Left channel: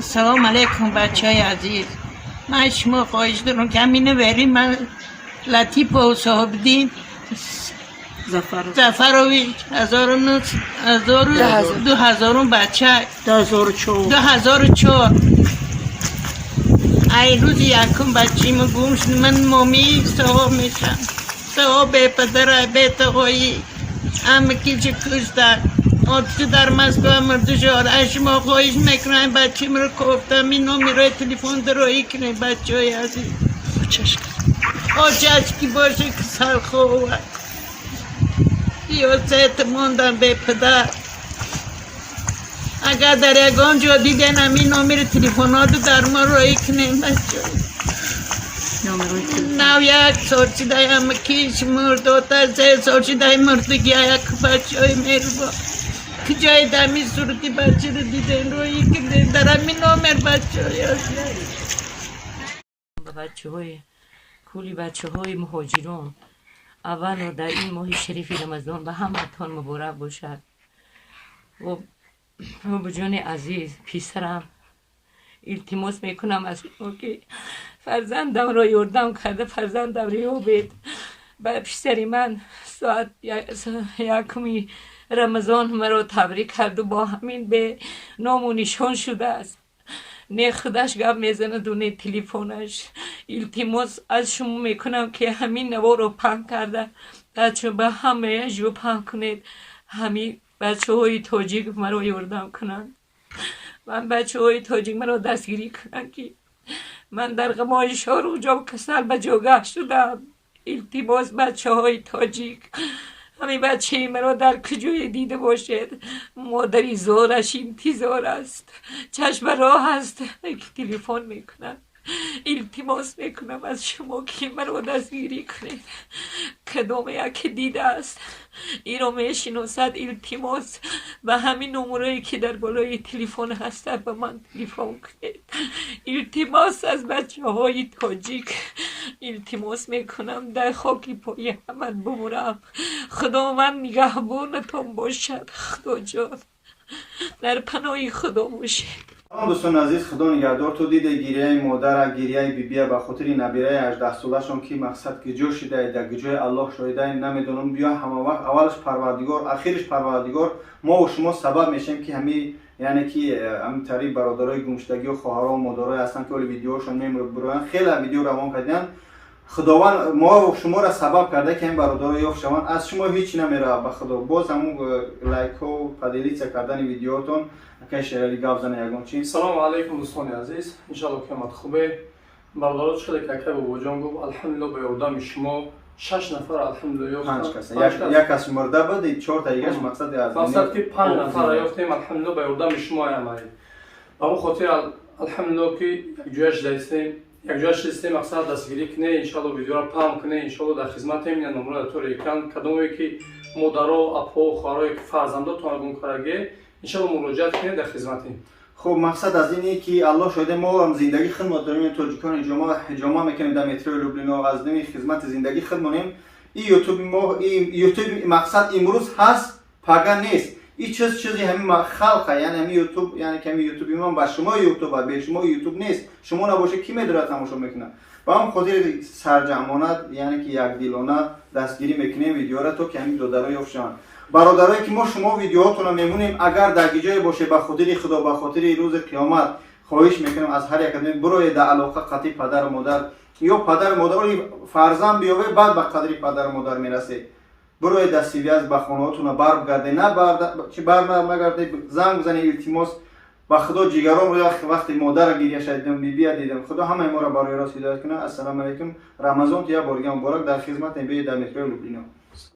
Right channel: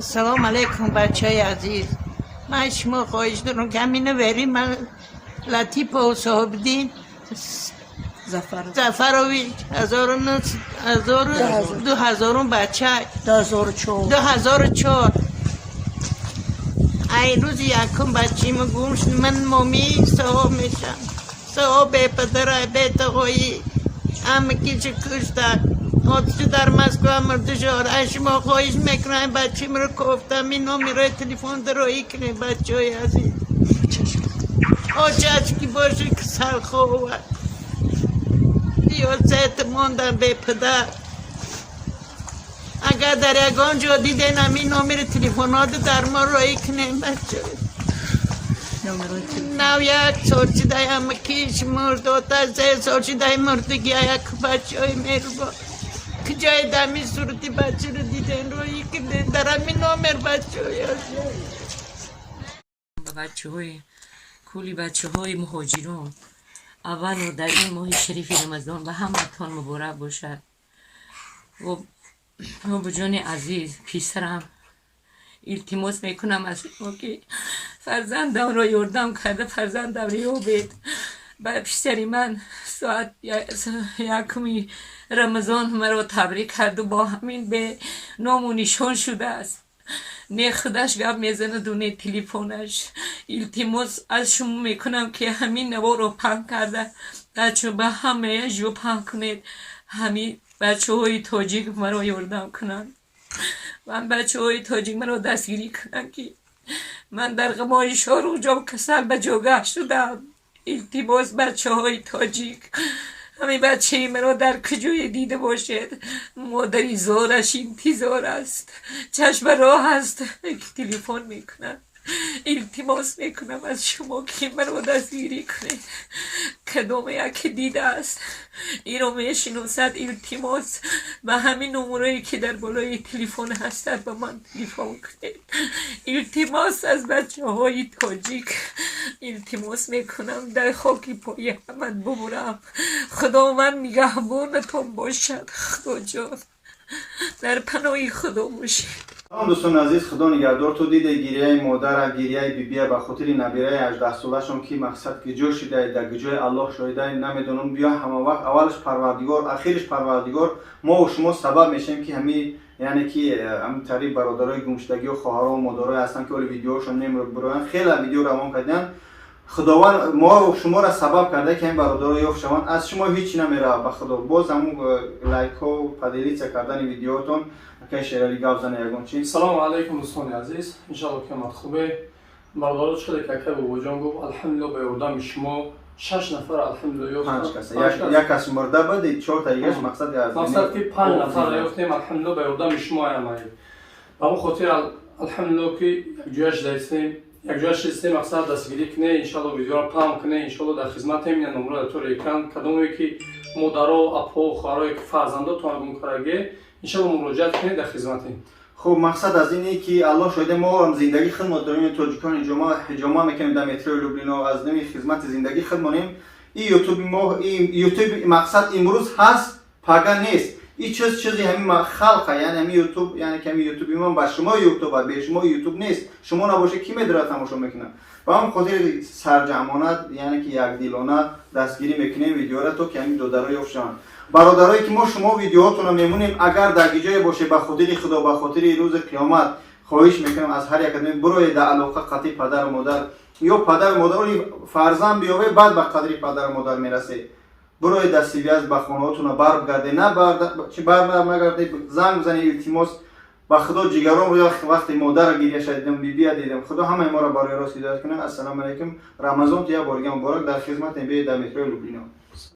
سلام علیکم بچه های عزیز. من شما خواهش دارم که همینه بریم. من لطیف و صاحبدین زفرویچ 2000 بچه 2004 ای روز یکم بچه من گوش من مامی صاحب میشم. صاحب پدر بیت هایی همه کی چه کشتن آتش در مسکو مرد شد. شما خواهش میکنم بچه مرا کفتم این نمیره تلفن درایی کنه بچه های عزیز. چشکی باشه که سر خوبه یا زیت موندم به پدر. اگر در یکان جا دیدن همین نمیره تلفنات در ما رایی کنه بچه. نو یک سال چیده همه کیش مرد و تا 3 سال چیده مردگی یک بچه های میره با که جای دمی صورتی بچه رو دیدن روی که در همین نامر بچه های کولی بچه های مهاجران اول و در این ماه شریف رمضان به همتون مبارک باشد. و بجان عزیز پیسرم التماس میکنم از شما که فرزندم را یاردم کرده. فرزندم رو بید به پیشتری من ساعت 1 رمضان مرا تبریک کرد و با همین به نام و نشان شده است. نه خودش گپ میزنه دونه تلفنش. التماس از شما میکنم که همین نوا رو پنگ کرده بچه به همه جو پنگ کنید. همین بچه های تاجیک مرا یاردم کنن. من بچه های تاجیک مرا دستگیری کنن که من در غمای شارو جام کسل به جاگه شدم. التماس بچه های تاجیک همین بچه مرا در کجای دیده باشد. مادری زارش انتظار است، چشم راه است که تلفن میکنن. التماس میکنم از شما که مرا دستگیری کنید. کدام یک دیده است این رو میشناسد. التماس به همین نمره که در بالای تلفن هستد به من تلفن کنید. التماس از بچه های تاجیک التماس میکنم در خاکی پای همه بمورم. خدا من نگهبانتون باشد. خدا جان در پناه خدا باشید. دوستان عزیز، خدا نگهدار. تو دیده گریه مادر، گریه بیبیه به خاطر نبیره 18 سالشون که مقصد که جو شده در گجای الله شایده نمیدونم بیا همه وقت اولش پروردگار آخرش پروردگار. ما و شما سبب میشیم که همین یعنی که همین طریق برادرای گمشدگی و خواهرها و مادرای هستن که اول ویدیوشون میبرن خیلی ویدیو روان کردن. خداوند ما و شما را سبب کرده که این برادرها یافت شوند. از شما هیچ نمیره به خدا. باز همون لایک و پدیلیت کردن ویدیوتون که شیرالی گاو زنه یگان چی. سلام علیکم دوستان عزیز، ان شاء الله که مت خوبه. برادر شده که بابا جان گفت الحمدلله به یاردم شما 6 نفر الحمدلله 5 کس یک کس مرده بود 4 تا دیگه مقصد از مقصد که 5 نفر یافتیم الحمدلله به یاردم شما آمدید. به اون خاطر الحمدلله که یک جوش داشتیم مقصد دستگیری کنه. ان شاء الله ویدیو را پام کنه. ان شاء الله در خدمت همین نمره تو یکان کدومی که مادرها اپا و خواهرای که فرزنداتون گم کرده ان شاء الله مراجعه کنید در خدمتیم. خب مقصد از اینه که الله شاهد ما هم زندگی خدمت داریم. تاجیکان جامعه میکنیم در مترو لوبلینا از نمی خدمت زندگی خدمتیم. این یوتیوب ما این یوتیوب مقصد امروز هست پگا نیست. این چیزی همین خلقه یعنی همین یوتیوب یعنی که همین یوتیوب ما با شما یوتیوب به شما یوتیوب نیست. شما نباشه کی میداره تماشا میکنه. و هم خاطر سرجمانه یعنی که یک دیلانه دستگیری میکنیم ویدیو را تو که همین دو درای افشان. برادرایی که ما شما ویدیوهاتون رو میمونیم اگر در جای باشه به خاطر خدا به خاطر روز قیامت خواهش میکنم از هر یک بروی در علاقه قطعی پدر و مادر یا پدر و مادر فرزند بیاوه بعد به قدر پدر و مادر میرسه. بروی در سیویاز به خونهاتون برگرده نه چه برنگرده زنگ بزنه التماس به خدا جیگرام رو وقتی مادر گریه شدیدم بیبی دیدم خدا همه ما را برای راست هدایت کنه. السلام علیکم. رمضان تو یک بارگی مبارک در خدمت نبی در مترو لوبلینا.